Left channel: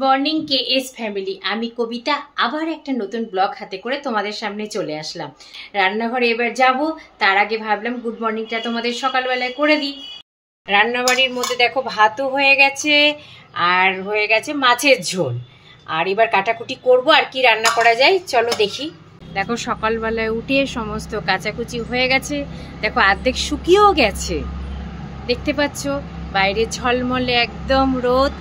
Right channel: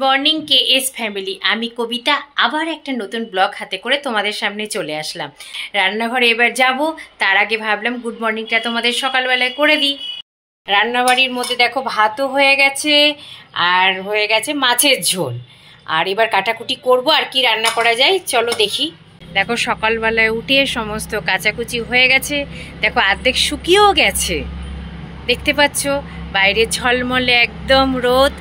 Morning KS family, আমি কবিতা আবার একটা নতুন ব্লগ হাতে করে তোমাদের সামনে চলে আসলাম। রান্নাঘরে এবার যাব, তার আগে ভাবলাম গুড মর্নিংটা তোমাদের সকালবেলায় করে দিই। রান্নাবাড়ির মধ্যে দেখো ভাতও হয়ে গেছে আর হয়ে গেছে মাছের ঝোল। আর এবার কাটাকুটি করব, আর কি রান্না করা যায় চলো দেখি। দেখো সকালবেলায় উঠে সমস্ত কাচাকুচি হয়ে গেছে, দেখো অর্ধেক শুকিয়েও গেছে, দেখতে পাচ্ছ বাইরে ঝলমলে একদম রোদ।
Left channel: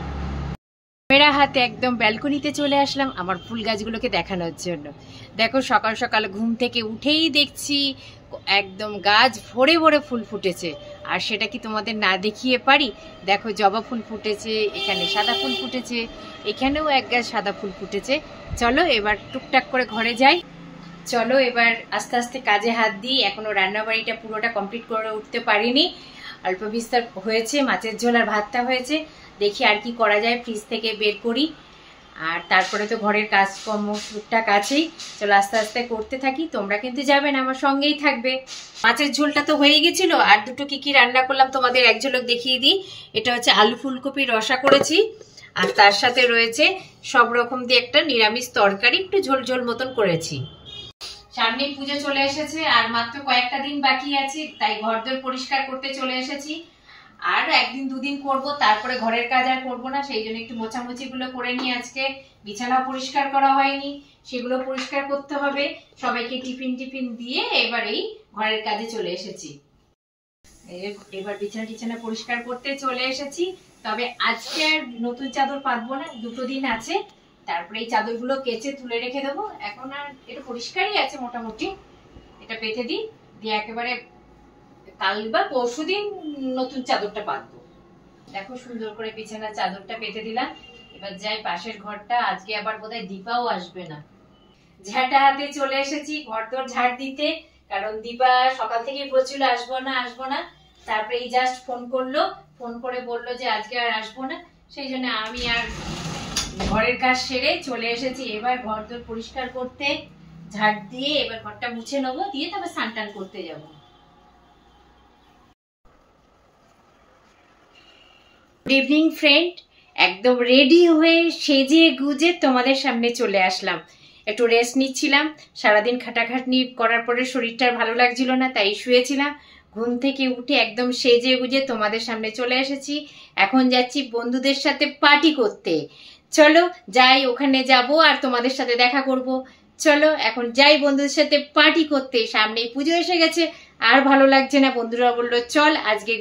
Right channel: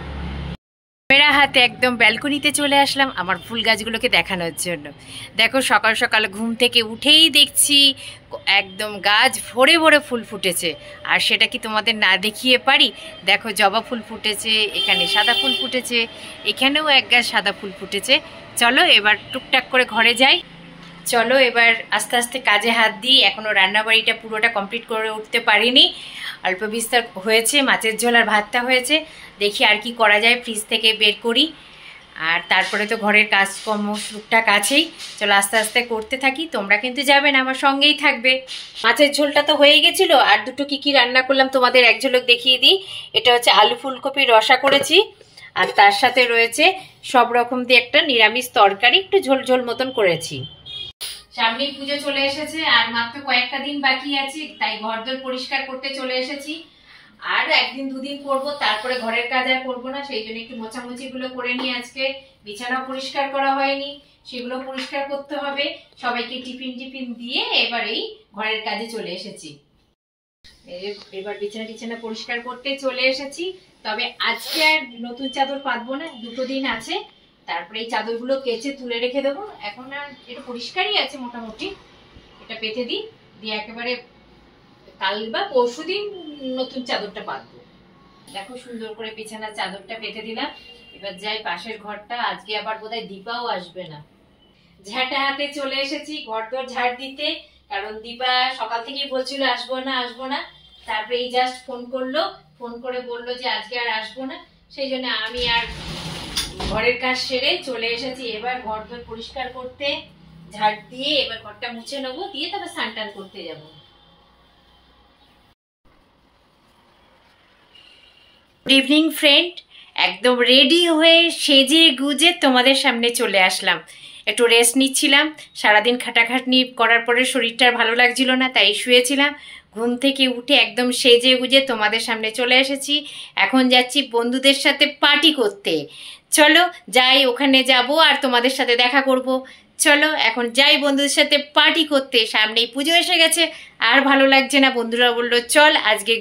ক্যামেরা হাতে একদম ব্যালকনিতে চলে আসলাম আমার ফুল গাছগুলোকে দেখানোর জন্য। দেখো সকাল সকাল ঘুম থেকে উঠেই দেখছি একদম গাছ ভরে ভরে ফুল ফুটেছে, আর সেটা কি তোমাদের না দেখিয়ে পারি? দেখো জবা ফুল ফুটেছে, এখানে সাদা ফুল ফুটেছে, এখানেও এক গাছ সাদা ফুল ফুটেছে। চলো এবার টুকটাক করে ঘরে যাই। চলো এবার আস্তে আস্তে কাজে হাত দিই। এখনও রান্নাবাড়িটা পুরোটা কমপ্লিট করে উঠতে পারিনি, অল্প বিস্তার হয়েছে, মাছের ঝোল আর ভাতটা হয়েছে। দেখি আর কি করা যায়, ফ্রিজ থেকে বের করি। আর তারপরে তো ঘরের কাজকর্ম টুকটাক আছেই, চলো আস্তে আস্তে করতে থাকি। তোমরা কিন্তু যাবে না, আমার সঙ্গেই থাকবে। মাছের ঝোলটা তো হয়ে গেছিলো, আর দুটো কি রান্না করলাম তোমাদের এক ঝলক দেখিয়ে দিই। এটা হচ্ছে আলু ফুলকপির রসা করেছি, আর তার সাথে রয়েছে সব রকম দিয়ে একটা নিরামিষ তরকারি, একটু ঝোল ঝোল মতন করেছি। সামনেই পুজো চলে এসেছে, আর মাত্র কয়েকটা দিন বাকি আছে, তাই ঘরদোর পরিষ্কার করতে চলে এসেছি। আর একদিন দুদিন করব, তারপরে ঘরের কাজ আর করবো না, সেই জন্য একটু মোছামুছি গুলো করে নিই। আজকে বিছানা পরিষ্কার করা হয়নি, সেগুলো পরিষ্কার করতে হবে। সবাইকে টিফিন দিয়ে এবার এই ঘরের কাজে চলে এসেছি। এবার বিছানা পরিষ্কার করতে চলে এসেছি। তবে আজকে আর নতুন চাদর পাতবো না, দুটো দিন আছে, তারপরে এই চাদরগুলো কেচে তুলে রেখে দেবো। এখন আর এটা পরিষ্কারই আছে মোটামুটি, এটা পেতে দিই, দিয়ে একেবারে কাল বা পরশু দিন নতুন চাদরটা পাতবো। দেখো সুন্দর করে বিছানার চাদরটা পেতে দিলাম। এবার যাই পাশের ঘরটা, আজকে আবার বোধহয় দীপাও আসবে না। ঝাঁটা হাতে চলে এসেছি ঘরদোর ঝাড় দিতে, কারণ দীপা সকাল থেকেই বলছিল আসবো না। তারপরে এই জাস্ট ফোন করে বললো যে আজকে আর আসবো না, সেই জন্য আমি আর ঘরের কাজ সেরে চলে এসেছি। এবার ঘরদোর পরিষ্কার করতে, ঝাড় দিয়ে এবার ঘরটা মুছে নেবো, দিয়ে তারপর স্নান টান করতে যাবো। গুড ইভিনিং ফ্রেন্ড, একদম রেডি হয়ে সেজে গুজে তোমাদের সামনে চলে আসলাম। একটু রেস্ট নিচ্ছিলাম, সারাদিন খাটাখাটনি করার পরে শরীরটা ভালো লাগছিল না, তাই শুয়েছিলাম। ঘুম থেকে উঠে একদম সেজে গুজে তোমাদের সামনে চলে এসেছি। এখন যাচ্ছি বন্ধুদের সাথে পার্টি করতে। চলো যাই, ওখানে যাব আর তোমাদের সাথে দেখা করব। চলো এখন যাই বন্ধুদের সাথে পার্টি করতে। সামনেই পুজো এসে গেছে, আর ভালো লাগছে না। বন্ধুরা বললো চল আজকে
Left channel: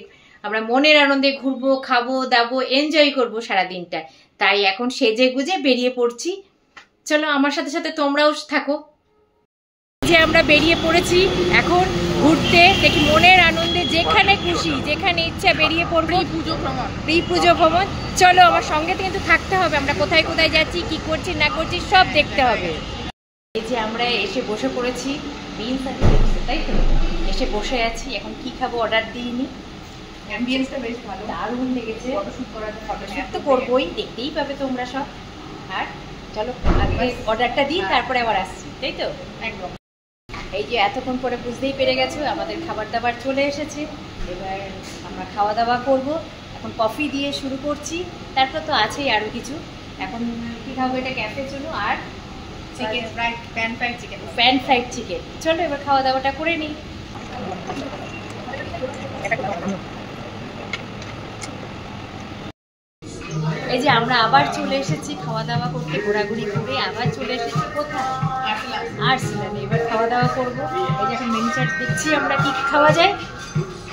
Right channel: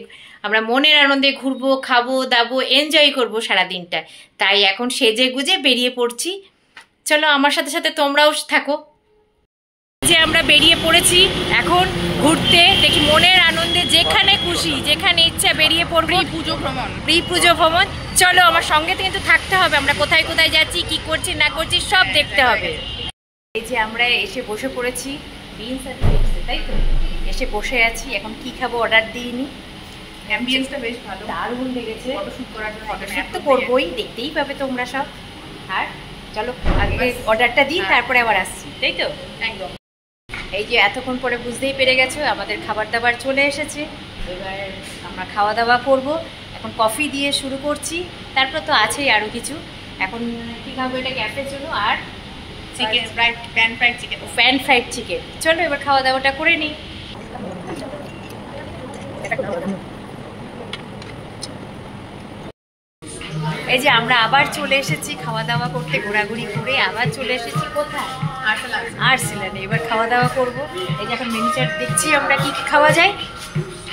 আমরা মনের আনন্দে ঘুরবো, খাবো দাবো, এনজয় করবো সারাদিনটা। তাই এখন সেজে গুজে বেরিয়ে পড়ছি। চলো আমার সাথে সাথে তোমরাও থাকো। যে আমরা বেরিয়ে পড়েছি এখন ঘুরতে, দেখি মনের আনন্দে যেখানে খুশি যেখানে ইচ্ছা বেরিয়ে পড়বো। প্রি পুজো ভ্রমণ। চলো আমার সঙ্গে কিন্তু থাকতে হবে, আমরা কোথায় কোথায় যাচ্ছি, কি করছি না করছি সব দেখতে হবে। এই যে আমরা এসে বসে পড়েছি, তাই তো এসে বসে আছি। এখন কি খাবো অর্ডার দিইনি, অ্যাম্বিয়েন্সটা বেশ ভালো, দারুণ লেগেছে। ফটোশুট করার জন্য ফটোশুট তো করবোই, দেখতেই পাবে তোমরা সব। আর চলো আগে অর্ডারটা দিই, তারপরে আবার আসছি, তাই তো? একদম। এই যে এতক্ষণ পরে বুঝতেই পেরে গেছো আমাদের খাবার দাবার চলে এসেছে। এবার আমরা খাওয়া দাওয়া করব। এখন কফি দিয়ে শুরু করছি, তারপর তো আছেই আরও কিছু। এখন কী খাবো, এটা ক্যাফের জন্য, আর চিকেন প্যান ফ্রাইড চিকেন। চলো এবার খাওয়া দাওয়াটা করে নিই। এই যে আমরা আবার চলে এসেছি খাওয়া দাওয়া করতে, ঘোরাঘুরি করে আবার চলে এসেছি কোথায়, আর্সেনালে। এবার খাওয়া দাওয়া করবো। এই যে এখন মেনু চার্ট দেখছি আমরা কি খাওয়া যায়।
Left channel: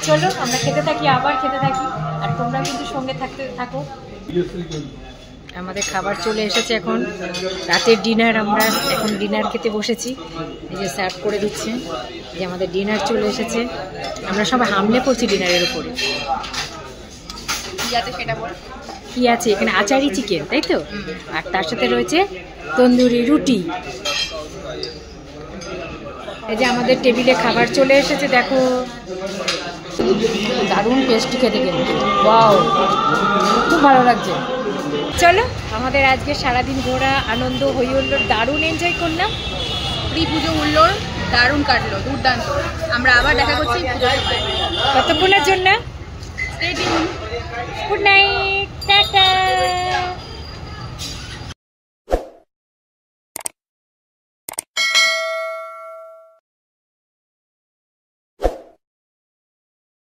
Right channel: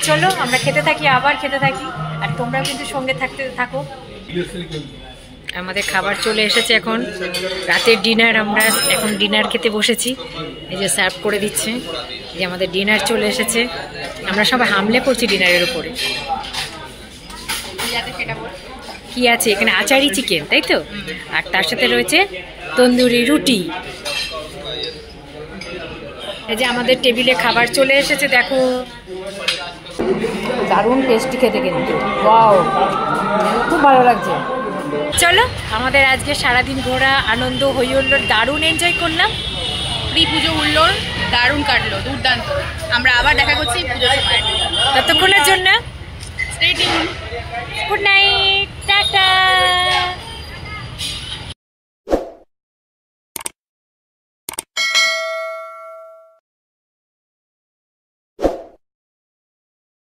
চলো আমরা খেতে থাকি, আবার খেতে থাকি, আর তোমরা কিন্তু সঙ্গে থাকো। আমাদের খাবার চলে এসেছে, এখন রাতের ডিনার। আমরা এখন ডিনার খেতে বসেছি, এই যে সার্ভ করে দিচ্ছে। এই যে আমাদের ডিনার চলে এসেছে, আমরা সবাই হামলে পড়ছি ডিনারের উপরে। কি আছে এখানে, আচারি চিকেন, তাই তো? আর তার সাথে রয়েছে তন্দুরি রুটি। এই যে আমাদের টেবিলে খাবার চলে এসেছে, দেখো দারুণ টেস্টি খেতে, কিন্তু ওয়াও খুব ভালো লাগছে। চলো আমাদের আজকে সারাদিন ঘোরা আনন্দ হই হুল্লোড়, দারুণ এনজয় করলাম। প্রি পুজো হুল্লোড় দারুণ কাটলো, দুর্দান্ত। আমরা আবার দেখা করছি পুজোর সময়, ততক্ষণের জন্য স্টে টিউন, গুড নাইট।